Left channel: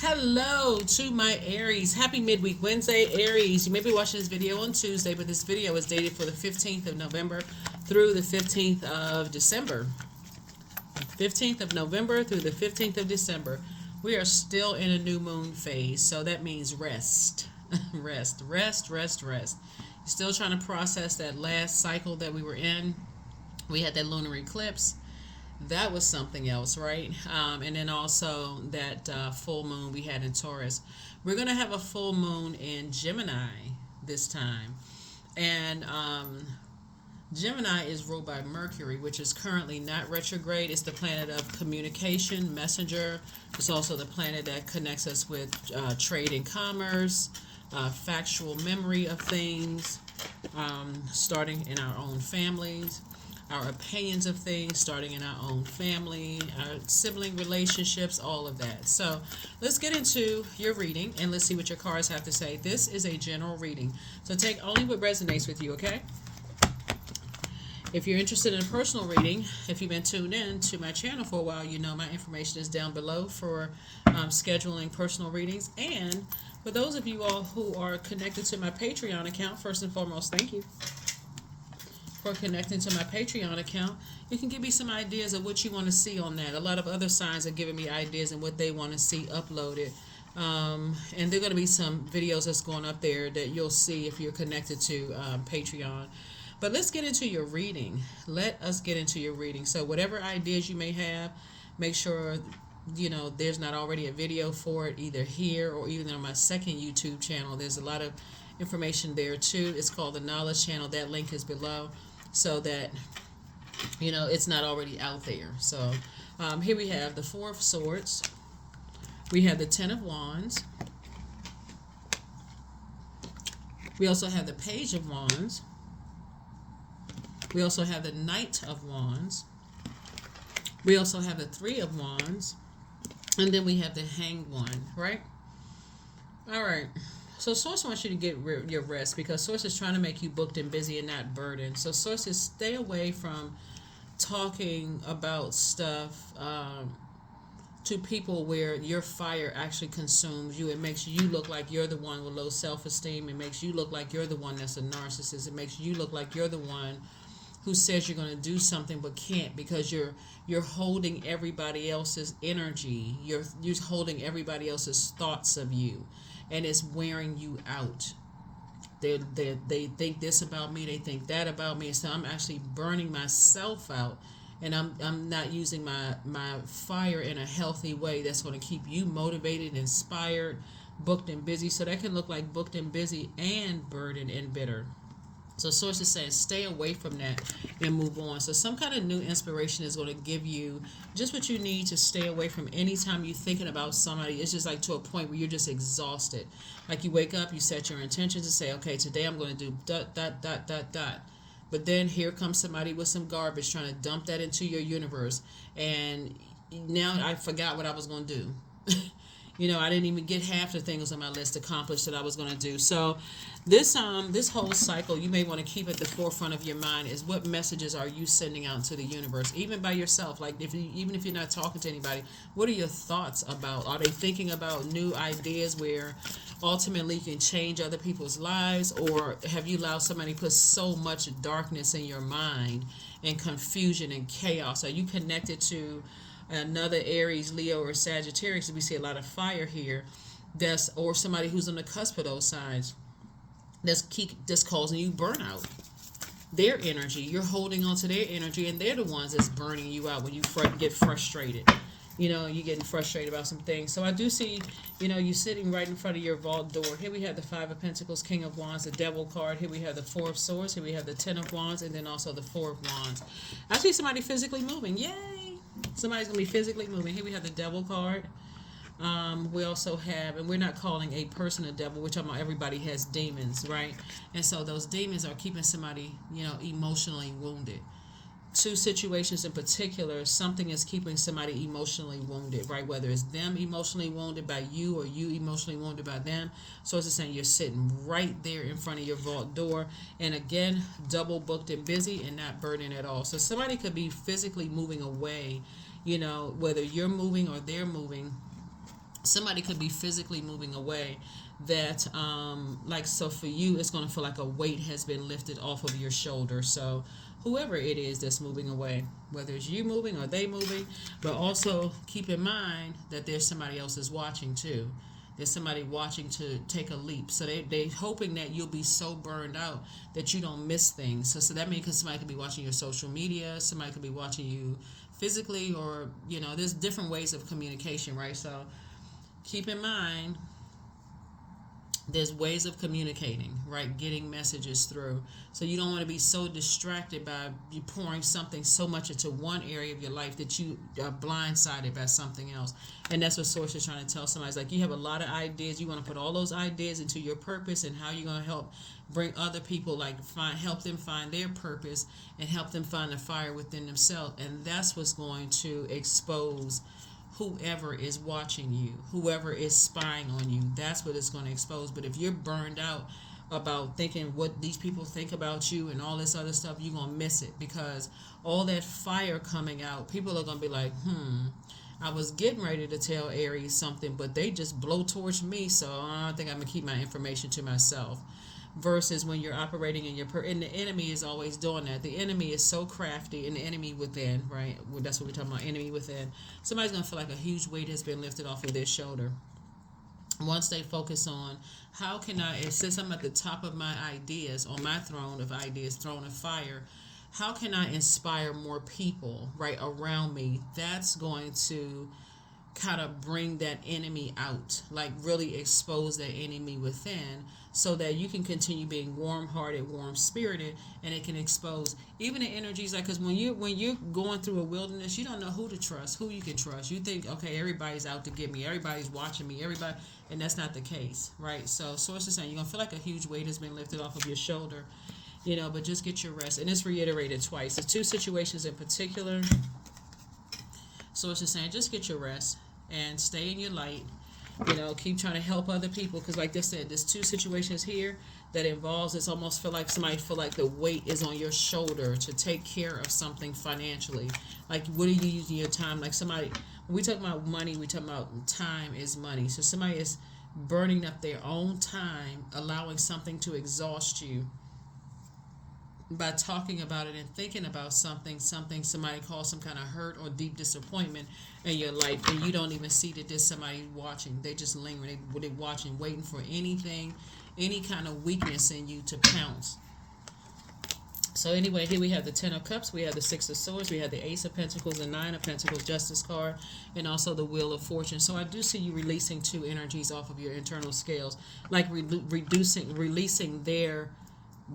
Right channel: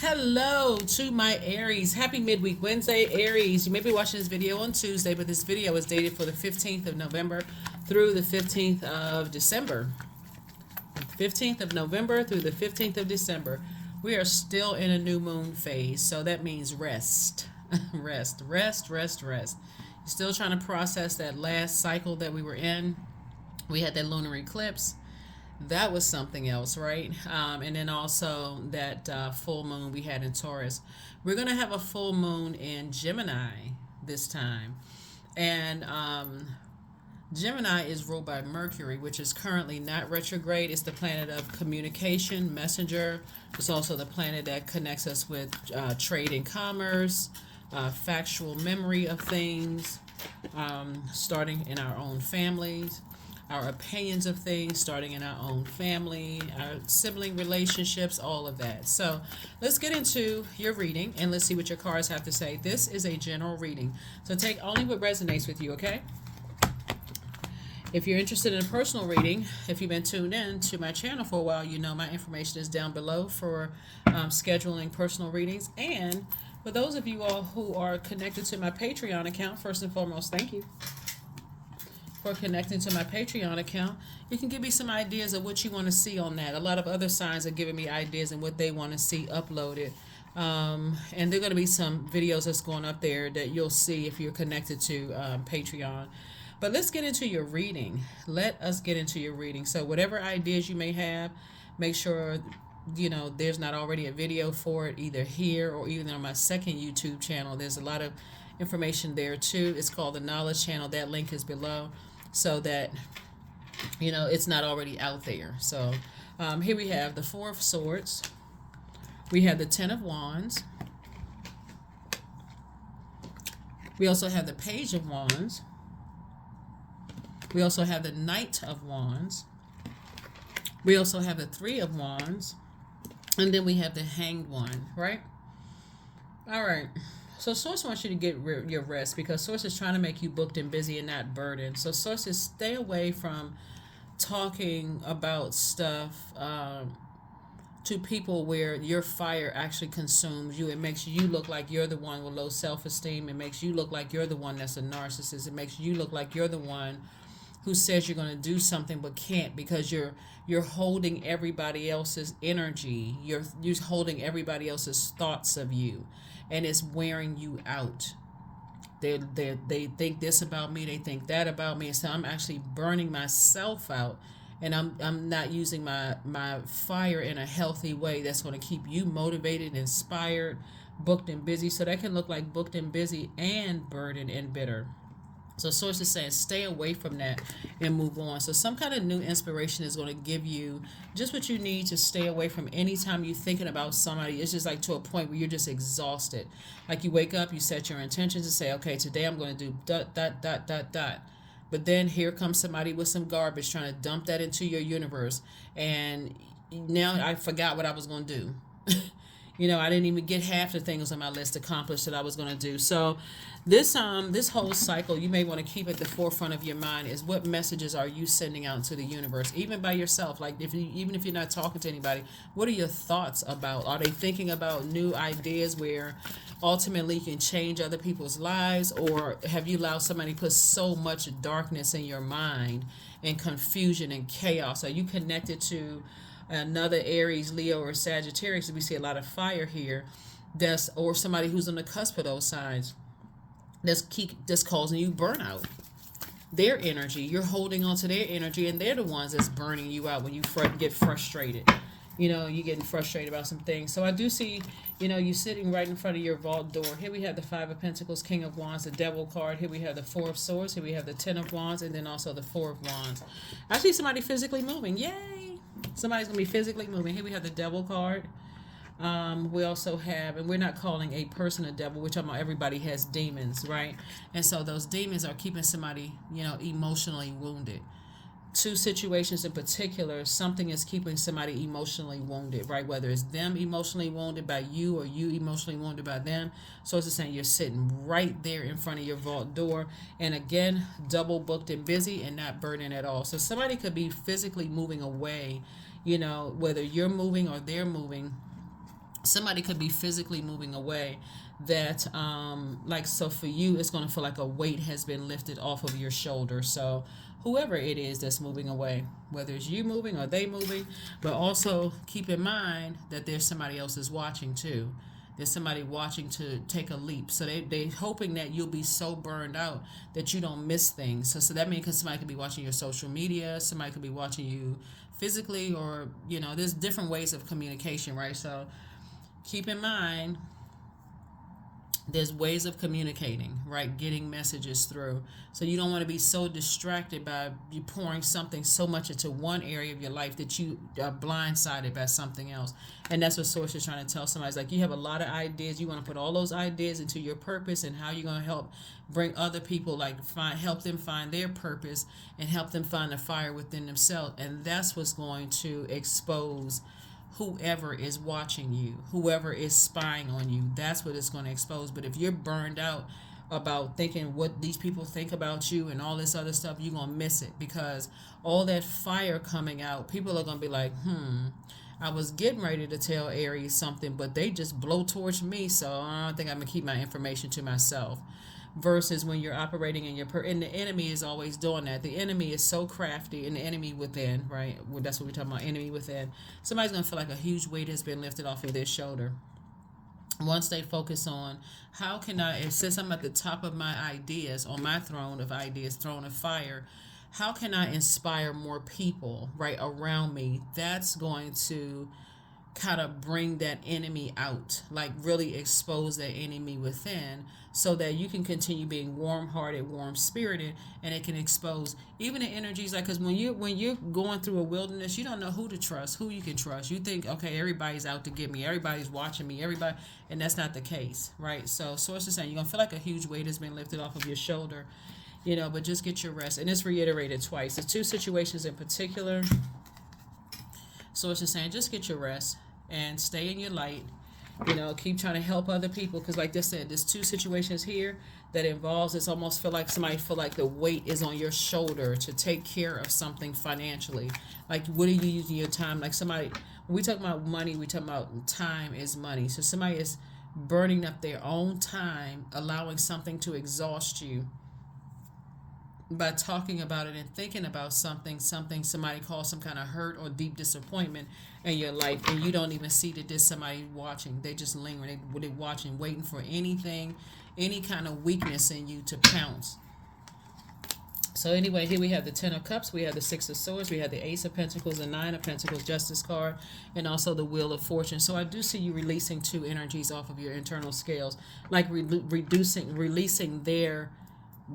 Hello to my Aries. Happy midweek Wednesday, Aries. You may be watching this video on Tuesday, but this video is dated for the 15th of November through the 15th of December. 15th of November through the 15th of December. We are still in a new moon phase, so that means rest. rest. You're still trying to process that last cycle that we were in. We had that lunar eclipse. That was something else, right? And then also that full moon we had in Taurus. We're going to have a full moon in Gemini this time. And Gemini is ruled by Mercury, which is currently not retrograde. It's the planet of communication, messenger. It's also the planet that connects us with trade and commerce, factual memory of things, starting in our own families, our opinions of things starting in our own family, our sibling relationships, all of that. So let's get into your reading and let's see what your cards have to say. This is a general reading, so take only what resonates with you, okay? If you're interested in a personal reading, if you've been tuned in to my channel for a while, you know my information is down below for scheduling personal readings. And for those of you all who are connected to my Patreon account, first and foremost, thank you for connecting to my Patreon account. You can give me some ideas of what you want to see on that. A lot of other signs are giving me ideas and what they want to see uploaded. And there are going to be some videos that's going up there that you'll see if you're connected to Patreon. But let's get into your reading. Let us get into your reading. So whatever ideas you may have, make sure there's not already a video for it either here or even on my second YouTube channel. There's a lot of information there too. It's called the Knowledge Channel. That link is below, so that it's not already out there. So here we have the Four of Swords, we have the Ten of Wands, we also have the Page of Wands, we also have the Knight of Wands, we also have the Three of Wands, and then we have the Hanged One, right? All right. So Source wants you to get your rest because Source is trying to make you booked and busy and not burdened. So Source is stay away from talking about stuff to people where your fire actually consumes you. It makes you look like you're the one with low self-esteem. It makes you look like you're the one that's a narcissist. It makes you look like you're the one who says you're going to do something but can't because you're holding everybody else's energy. You're holding everybody else's thoughts of you. And it's wearing you out. They think this about me. They think that about me. And so I'm actually burning myself out. And I'm not using my fire in a healthy way that's going to keep you motivated, inspired, booked and busy. So that can look like booked and busy and burdened and bitter. So Source is saying stay away from that and move on. So some kind of new inspiration is going to give you just what you need to stay away from anytime you're thinking about somebody. It's just like to a point where you're just exhausted. Like you wake up, you set your intentions to say, okay, today I'm going to do ... But then here comes somebody with some garbage trying to dump that into your universe. And now I forgot what I was going to do. I didn't even get half the things on my list accomplished that I was going to do. So this whole cycle, you may want to keep at the forefront of your mind is what messages are you sending out to the universe, even by yourself. Like even if you're not talking to anybody, what are your thoughts about? Are they thinking about new ideas where ultimately you can change other people's lives, or have you allowed somebody to put so much darkness in your mind and confusion and chaos? Are you connected to another Aries, Leo, or Sagittarius? We see a lot of fire here. Or somebody who's on the cusp of those signs that's causing you burnout. Their energy, you're holding on to their energy, and they're the ones that's burning you out when you get frustrated. You're getting frustrated about some things. So I do see, you sitting right in front of your vault door. Here we have the Five of Pentacles, King of Wands, the Devil card. Here we have the Four of Swords. Here we have the Ten of Wands, and then also the Four of Wands. I see somebody physically moving. Yay! Somebody's going to be physically moving. Here we have the Devil card. We also have, and we're not calling a person a devil, which everybody has demons, right? And so those demons are keeping somebody, emotionally wounded. Two situations in particular, something is keeping somebody emotionally wounded, right? Whether it's them emotionally wounded by you or you emotionally wounded by them. So it's saying you're sitting right there in front of your vault door. And again, double booked and busy and not burdened at all. So somebody could be physically moving away, whether you're moving or they're moving somebody could be physically moving away that like, so for you it's going to feel like a weight has been lifted off of your shoulder. So whoever it is that's moving away, whether it's you moving or they moving, but also keep in mind that there's somebody else is watching too. There's somebody watching to take a leap. So they hoping that you'll be so burned out that you don't miss things. So that means, because somebody could be watching your social media, somebody could be watching you physically, or there's different ways of communication, right? So keep in mind, there's ways of communicating, right? Getting messages through. So you don't want to be so distracted by you pouring something so much into one area of your life that you are blindsided by something else. And that's what Source is trying to tell somebody. It's like, you have a lot of ideas. You want to put all those ideas into your purpose and how you're going to help bring other people, like help them find their purpose and help them find the fire within themselves. And that's what's going to expose whoever is watching you, whoever is spying on you. That's what it's going to expose. But if you're burned out about thinking what these people think about you and all this other stuff, you're going to miss it, because all that fire coming out, people are going to be like, I was getting ready to tell Aries something, but they just blow towards me, so I don't think I'm going to keep my information to myself. Versus when you're operating in your and the enemy is always doing that. The enemy is so crafty, and the enemy within, right? Well, that's what we're talking about, enemy within. Somebody's going to feel like a huge weight has been lifted off of their shoulder once they focus on, how can I, since I'm at the top of my ideas, on my throne of ideas, throne of fire, how can I inspire more people right around me? That's going to kind of bring that enemy out, like really expose that enemy within, so that you can continue being warm-hearted, warm-spirited, and it can expose even the energies. Like, because when you're going through a wilderness, you don't know who to trust, who you can trust. You think, okay, everybody's out to get me, everybody's watching me, everybody, and that's not the case, right? So Source is saying you're gonna feel like a huge weight has been lifted off of your shoulder, but just get your rest. And it's reiterated twice. The two situations in particular, Source is saying just get your rest and stay in your light. Keep trying to help other people, because like I said, there's two situations here that involves, it's almost feel like somebody feel like the weight is on your shoulder to take care of something financially. Like, what are you using your time? Like, somebody, when we talk about money, we talk about time is money. So somebody is burning up their own time, allowing something to exhaust you by talking about it and thinking about something somebody calls some kind of hurt or deep disappointment in your life, and you don't even see that there's somebody watching. They just linger. They're watching, waiting for anything, any kind of weakness in you to pounce. So anyway, here we have the Ten of Cups, we have the Six of Swords, we have the Ace of Pentacles, the Nine of Pentacles, Justice card, and also the Wheel of Fortune. So I do see you releasing two energies off of your internal scales, like releasing their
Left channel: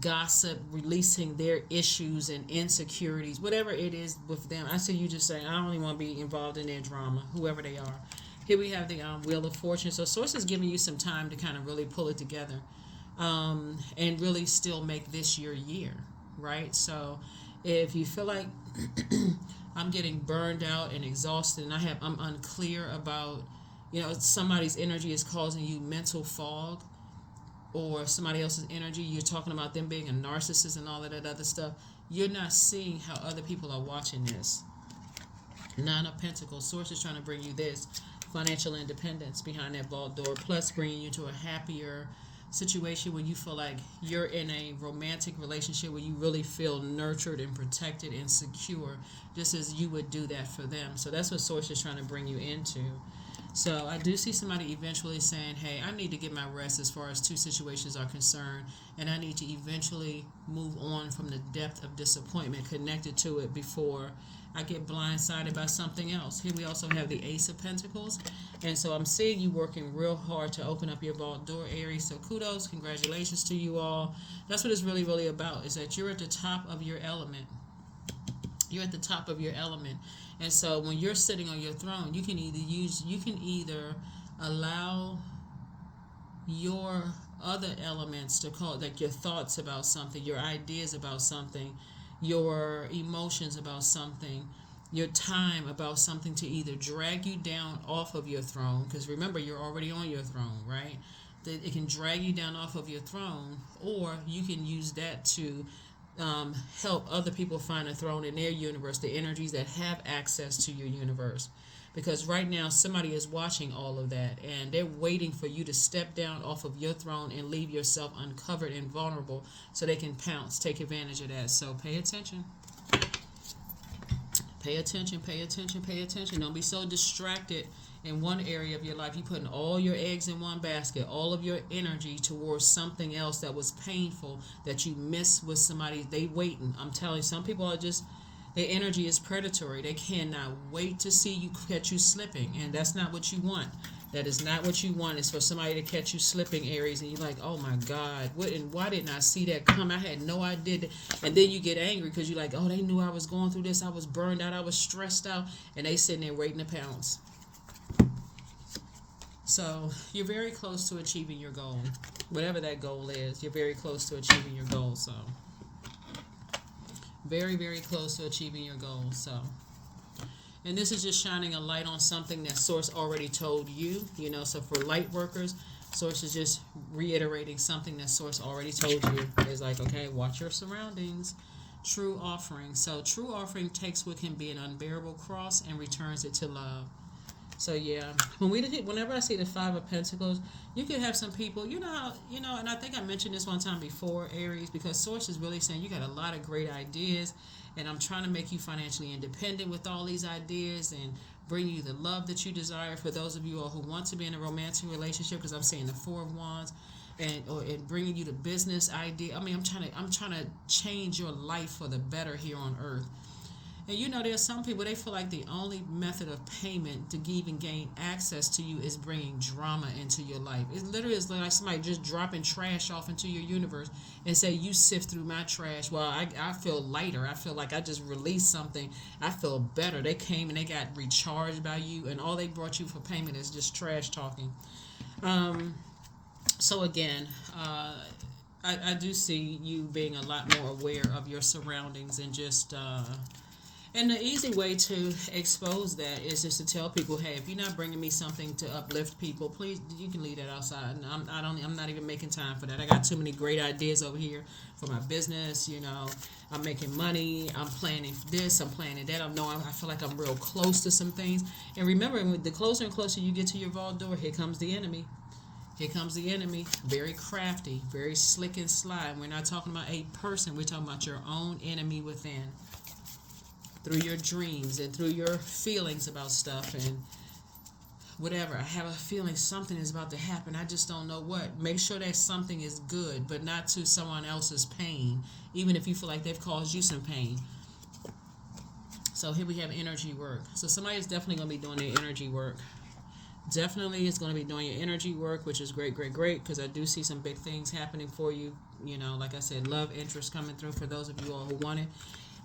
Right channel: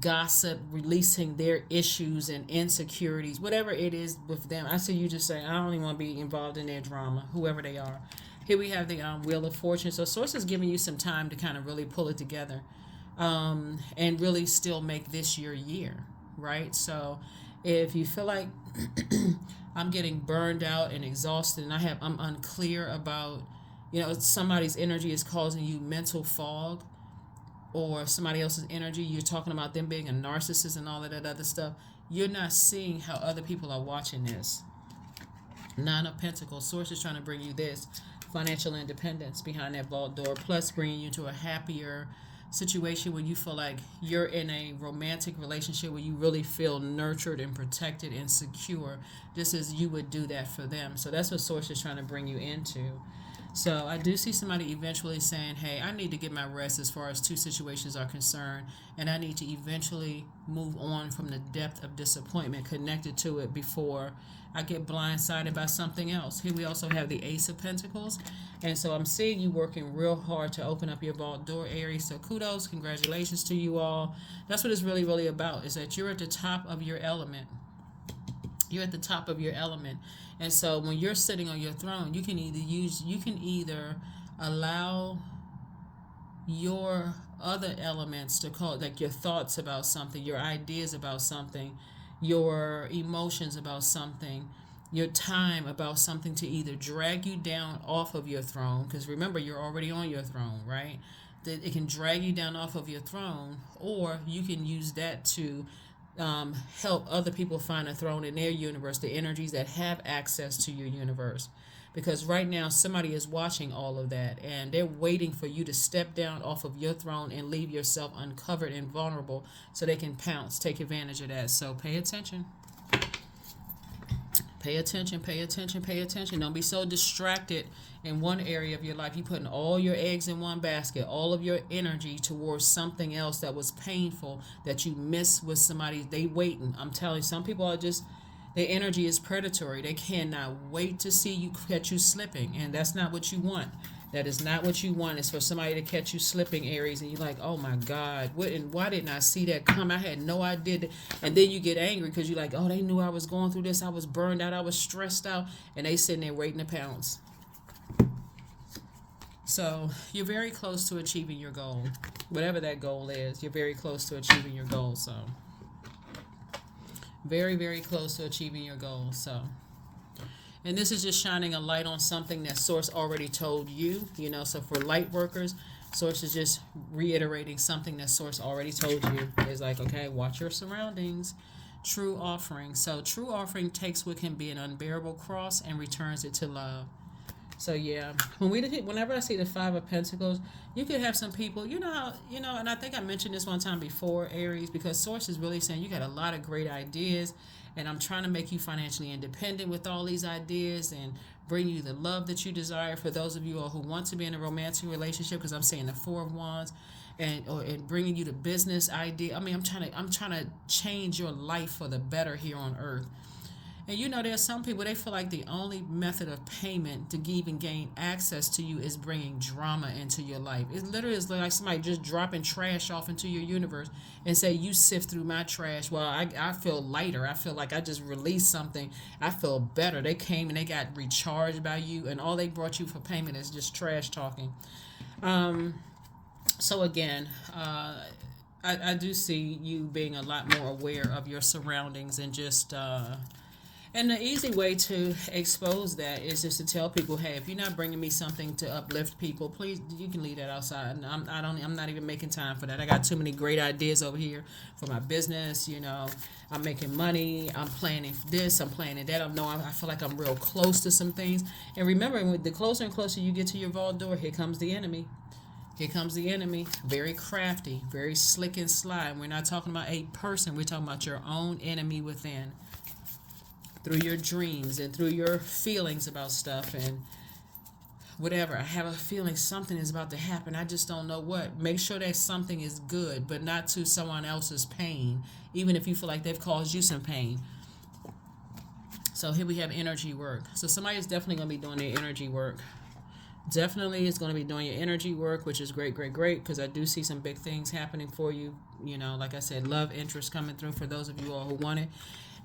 gossip, releasing their issues and insecurities, whatever it is with them. I see you just saying, I don't even want to be involved in their drama, whoever they are. Here we have the Wheel of Fortune. So Source is giving you some time to kind of really pull it together, and really still make this your year, right? So if you feel like I'm getting burned out and exhausted, and I'm unclear about, somebody's energy is causing you mental fog, or somebody else's energy, you're talking about them being a narcissist and all of that other stuff, you're not seeing how other people are watching this. Nine of Pentacles, Source is trying to bring you this financial independence behind that vault door, plus bringing you to a happier situation where you feel like you're in a romantic relationship where you really feel nurtured and protected and secure, just as you would do that for them. So that's what Source is trying to bring you into. So I do see somebody eventually saying, hey, I need to get my rest as far as two situations are concerned, and I need to eventually move on from the depth of disappointment connected to it before I get blindsided by something else. Here we also have the Ace of Pentacles, and so I'm seeing you working real hard to open up your vault door, Aries. So kudos, congratulations to you all. That's what it's really, really about, is that you're at the top of your element. You're at the top of your element. And so when you're sitting on your throne, you can either allow your other elements to call, like your thoughts about something, your ideas about something, your emotions about something, your time about something, to either drag you down off of your throne, because remember, you're already on your throne, right? That it can drag you down off of your throne, or you can use that to help other people find a throne in their universe, the energies that have access to your universe. because right now somebody is watching all of that, and they're waiting for you to step down off of your throne and leave yourself uncovered and vulnerable so they can pounce, take advantage of that. So pay attention. Pay attention, pay attention, pay attention. Don't be so distracted in one area of your life. You're putting all your eggs in one basket, all of your energy towards something else that was painful that you missed with somebody. They waiting. I'm telling you, some people are just, their energy is predatory. They cannot wait to see you, catch you slipping, and that's not what you want. That is not what you want. It's for somebody to catch you slipping, Aries, and you're like, oh my God, what, and why didn't I see that come? I had no idea. And then you get angry because you're like, oh, they knew I was going through this. I was burned out. I was stressed out, and they sitting there waiting to pounce. So you're very close to achieving your goal. Whatever that goal is, you're very close to achieving your goal. So very, very close to achieving your goal. So, and this is just shining a light on something that Source already told you, so for light workers, Source is just reiterating something that Source already told you. It's like, okay, watch your surroundings. True offering. So true offering takes what can be an unbearable cross and returns it to love. So yeah, whenever I see the Five of Pentacles, you could have some people, and I think I mentioned this one time before, Aries, because Source is really saying you got a lot of great ideas, and I'm trying to make you financially independent with all these ideas and bring you the love that you desire for those of you all who want to be in a romantic relationship, because I'm saying the Four of Wands, and bringing you the business idea. I mean, I'm trying to change your life for the better here on Earth. And there's some people, they feel like the only method of payment to even gain access to you is bringing drama into your life. It literally is like somebody just dropping trash off into your universe and say, you sift through my trash. Well, I feel lighter. I feel like I just released something. I feel better. They came and they got recharged by you, and all they brought you for payment is just trash talking. So again, I do see you being a lot more aware of your surroundings and just... And the easy way to expose that is just to tell people, hey, if you're not bringing me something to uplift people, please, you can leave that outside. And I'm not even making time for that. I got too many great ideas over here for my business. I'm making money. I'm planning this. I'm planning that. I feel like I'm real close to some things. And remember, the closer and closer you get to your vault door, here comes the enemy. Here comes the enemy. Very crafty, very slick and sly. And we're not talking about a person. We're talking about your own enemy within. Through your dreams and through your feelings about stuff and whatever. I have a feeling something is about to happen. I just don't know what. Make sure that something is good, but not to someone else's pain, even if you feel like they've caused you some pain. So here we have energy work. So somebody is definitely going to be doing their energy work. Definitely is going to be doing your energy work, which is great, great, great, because I do see some big things happening for you. Like I said, love interest coming through for those of you all who want it.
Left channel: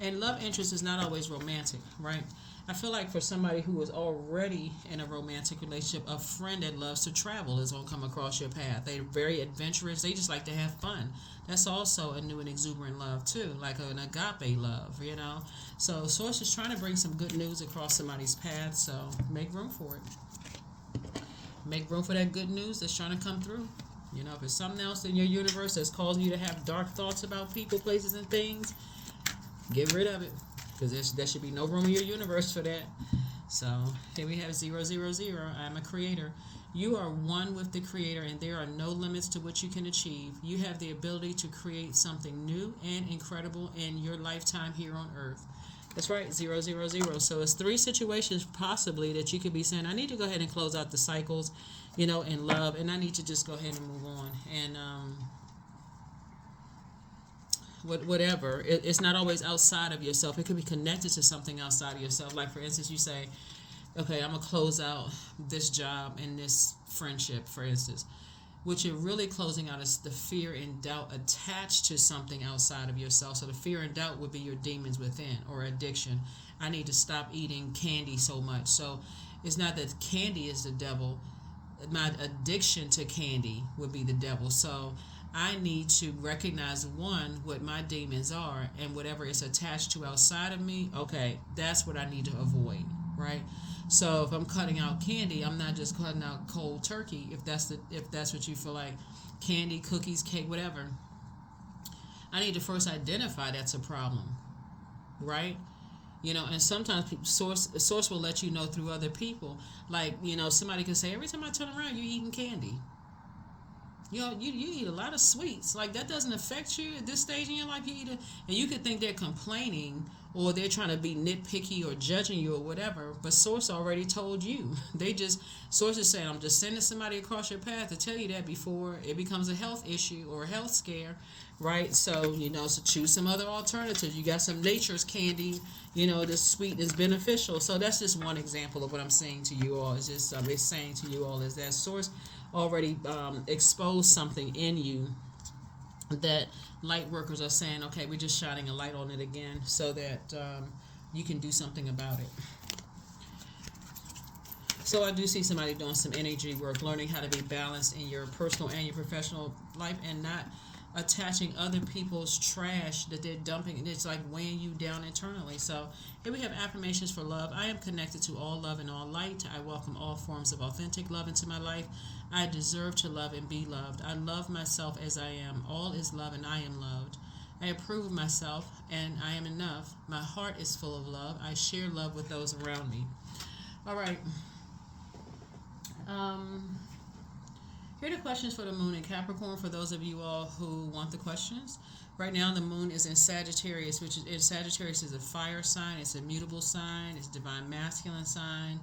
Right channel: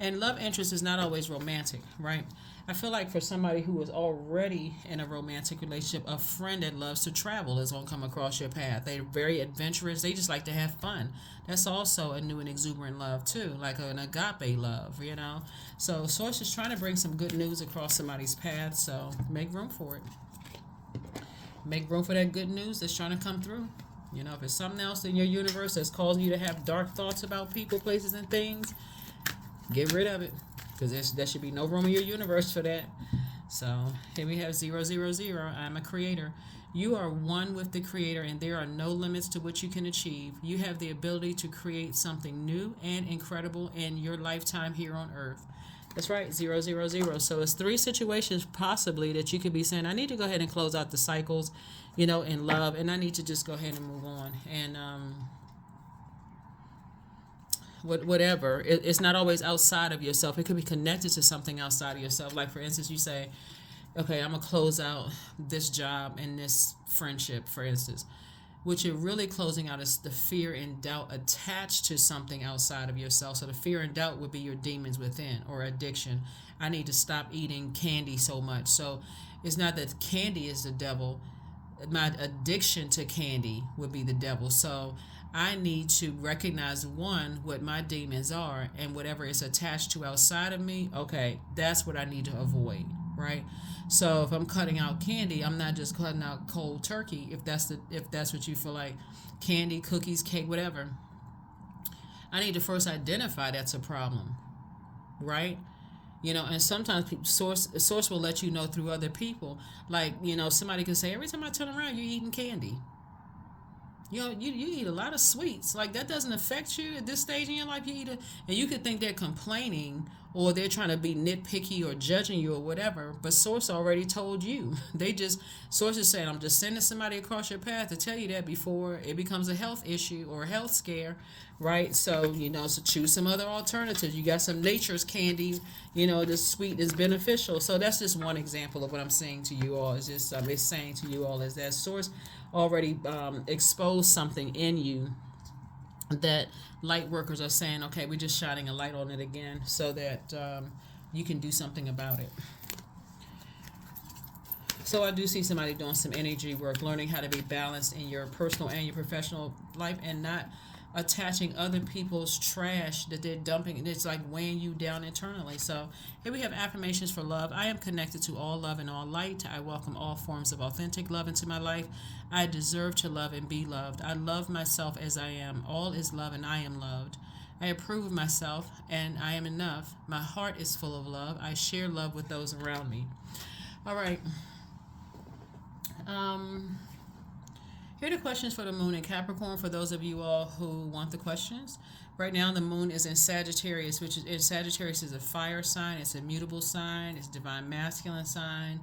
And love interest is not always romantic, right? I feel like for somebody who is already in a romantic relationship, a friend that loves to travel is going to come across your path. They're very adventurous. They just like to have fun. That's also a new and exuberant love, too, like an agape love, So Source is trying to bring some good news across somebody's path, so make room for it. Make room for that good news that's trying to come through. If it's something else in your universe that's causing you to have dark thoughts about people, places, and things, get rid of it, because there should be no room in your universe for that. So here we have 000. I'm a creator. You are one with the Creator, and there are no limits to what you can achieve. You have the ability to create something new and incredible in your lifetime here on Earth. That's right, 000. So it's 3 situations possibly that you could be saying, I need to go ahead and close out the cycles, in love, and I need to just go ahead and move on. And whatever. It's not always outside of yourself. It could be connected to something outside of yourself. Like, for instance, you say, okay, I'm going to close out this job and this friendship, for instance. What you're really closing out is the fear and doubt attached to something outside of yourself. So the fear and doubt would be your demons within, or addiction. I need to stop eating candy so much. So it's not that candy is the devil. My addiction to candy would be the devil. So I need to recognize, one, what my demons are, and whatever is attached to outside of me, okay, that's what I need to avoid, right? So if I'm cutting out candy, I'm not just cutting out cold turkey, if that's what you feel like, candy, cookies, cake, whatever. I need to first identify that's a problem, right? And sometimes source will let you know through other people. Like, somebody can say, every time I turn around, you're eating candy. You eat a lot of sweets. Like, that doesn't affect you at this stage in your life. And you could think they're complaining or they're trying to be nitpicky or judging you or whatever. But source already told you. Source is saying, I'm just sending somebody across your path to tell you that before it becomes a health issue or a health scare, right? So, so choose some other alternatives. You got some nature's candy, the sweet is beneficial. So that's just one example of what I'm saying to you all. It's saying to you all is that source already exposed something in you that light workers are saying, okay, we're just shining a light on it again so that you can do something about it. So I do see somebody doing some energy work, learning how to be balanced in your personal and your professional life and not attaching other people's trash that they're dumping, and it's like weighing you down internally. So here we have affirmations for love. I am connected to all love and all light. I welcome all forms of authentic love into my life. I deserve to love and be loved. I love myself as I am. All is love and I am loved. I approve of myself and I am enough. My heart is full of love. I share love with those around me. All right. Here are the questions for the moon in Capricorn for those of you all who want the questions. Right now the moon is in Sagittarius, Sagittarius is a fire sign. It's a mutable sign. It's a divine masculine sign.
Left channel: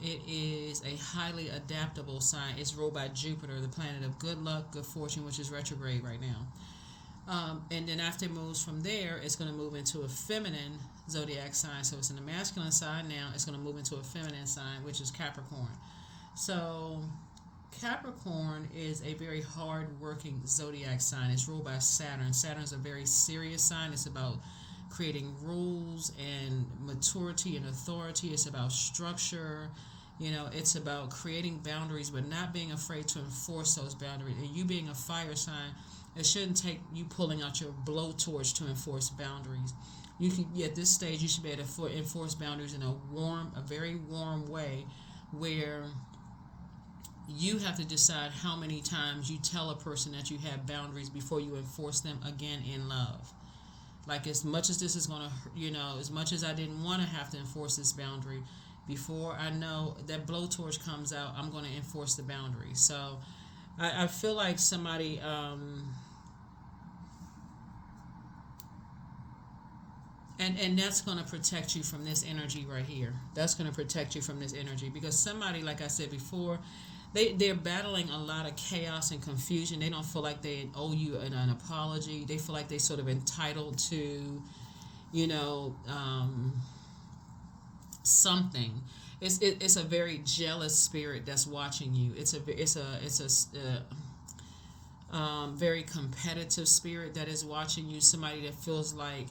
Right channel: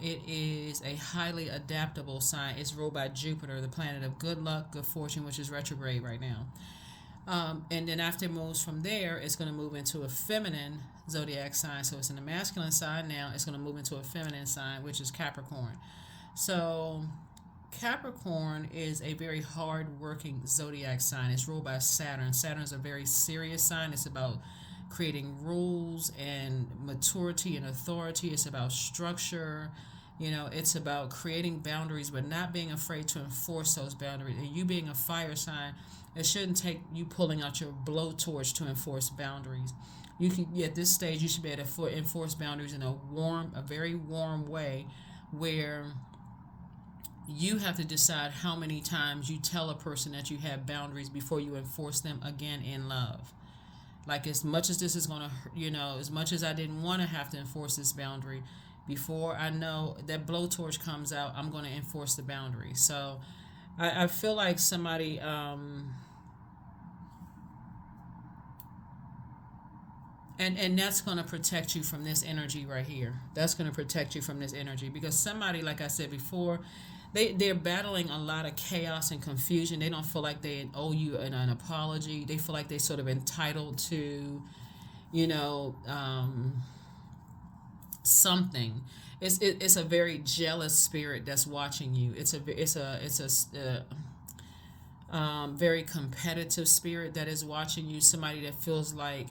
It is a highly adaptable sign. It's ruled by Jupiter, the planet of good luck, good fortune, which is retrograde right now. And then after it moves from there, it's going to move into a feminine zodiac sign. So it's in the masculine sign now. It's going to move into a feminine sign, which is Capricorn. So Capricorn is a very hard-working zodiac sign. It's ruled by Saturn. Saturn is a very serious sign. It's about creating rules and maturity and authority. It's about structure. It's about creating boundaries but not being afraid to enforce those boundaries. And you being a fire sign, it shouldn't take you pulling out your blowtorch to enforce boundaries. At this stage, you should be able to enforce boundaries in a very warm way where you have to decide how many times you tell a person that you have boundaries before you enforce them again in love. Like, as much as this is going to, as much as I didn't want to have to enforce this boundary, before I know that blowtorch comes out, I'm going to enforce the boundary. So I feel like somebody, and that's going to protect you from this energy right here. That's going to protect you from this energy because somebody, like I said before, they're battling a lot of chaos and confusion. They don't feel like they owe you an apology. They feel like they're sort of entitled to, something. It's a very jealous spirit that's watching you. It's a very competitive spirit that is watching you. Somebody that feels like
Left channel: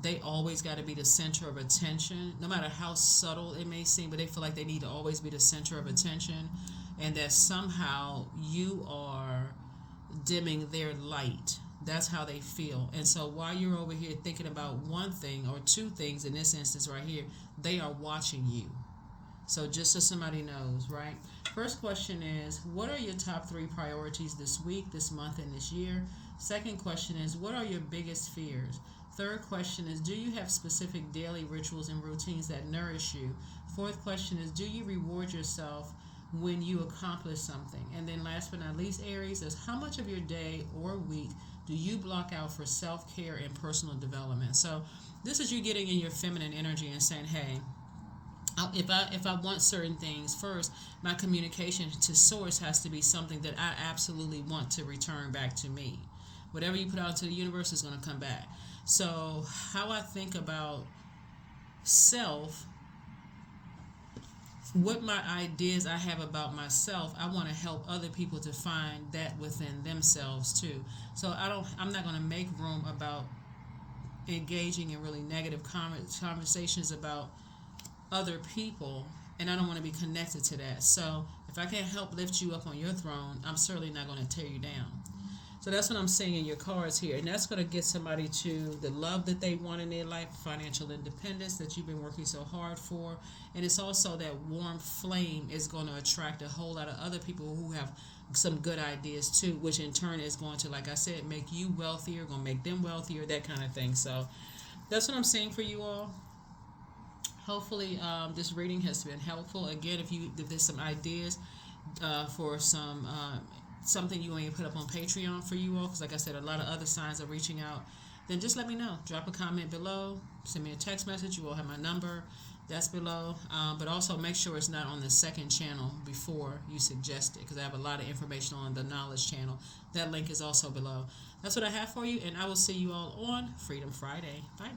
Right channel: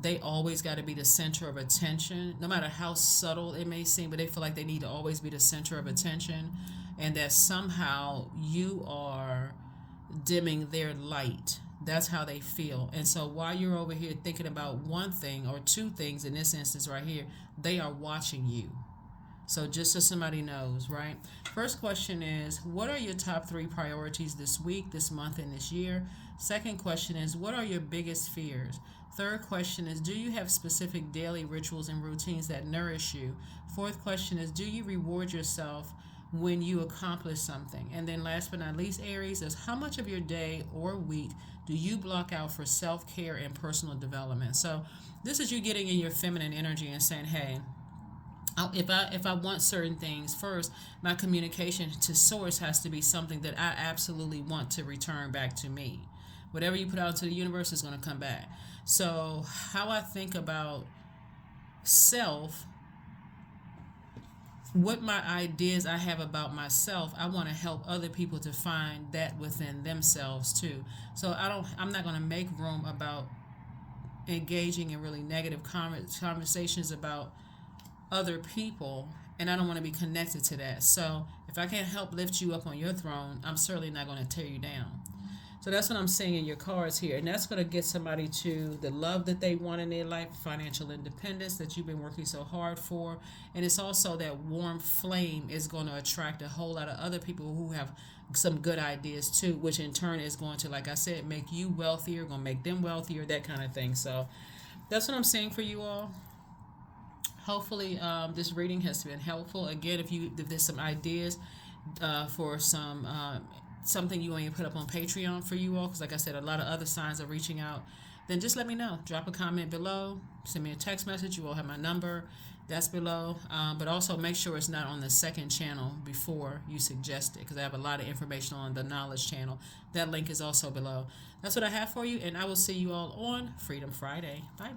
they always got to be the center of attention, no matter how subtle it may seem, but they feel like they need to always be the center of attention. And that somehow you are dimming their light. That's how they feel. And so while you're over here thinking about one thing or two things, in this instance right here, they are watching you. So just so somebody knows, right? First question is, what are your top 3 priorities this week, this month, and this year? Second question is, what are your biggest fears? Third question is, do you have specific daily rituals and routines that nourish you? Fourth question is, do you reward yourself when you accomplish something? And then last but not least, Aries, is how much of your day or week do you block out for self-care and personal development? So this is you getting in your feminine energy and saying, hey, if I want certain things, first, my communication to source has to be something that I absolutely want to return back to me. Whatever you put out to the universe is going to come back. So how I think about self, what my ideas I have about myself, I want to help other people to find that within themselves too. So I'm not going to make room about engaging in really negative conversations about other people, and I don't want to be connected to that. So if I can't help lift you up on your throne, I'm certainly not going to tear you down. So that's what I'm saying in your cards here. And that's going to get somebody to the love that they want in their life, financial independence that you've been working so hard for. And it's also that warm flame is going to attract a whole lot of other people who have some good ideas too, which in turn is going to, like I said, make you wealthier, going to make them wealthier, that kind of thing. So that's what I'm saying for you all. hopefully this reading has been helpful. Again, if there's some ideas for some something you want to put up on Patreon for you all, because like I said, a lot of other signs are reaching out, then just let me know. Drop a comment below, send me a text message. You all have my number, that's below. But also make sure it's not on the second channel before you suggest it, because I have a lot of information on the knowledge channel. That link is also below. That's what I have for you, and I will see you all on Freedom Friday. Bye.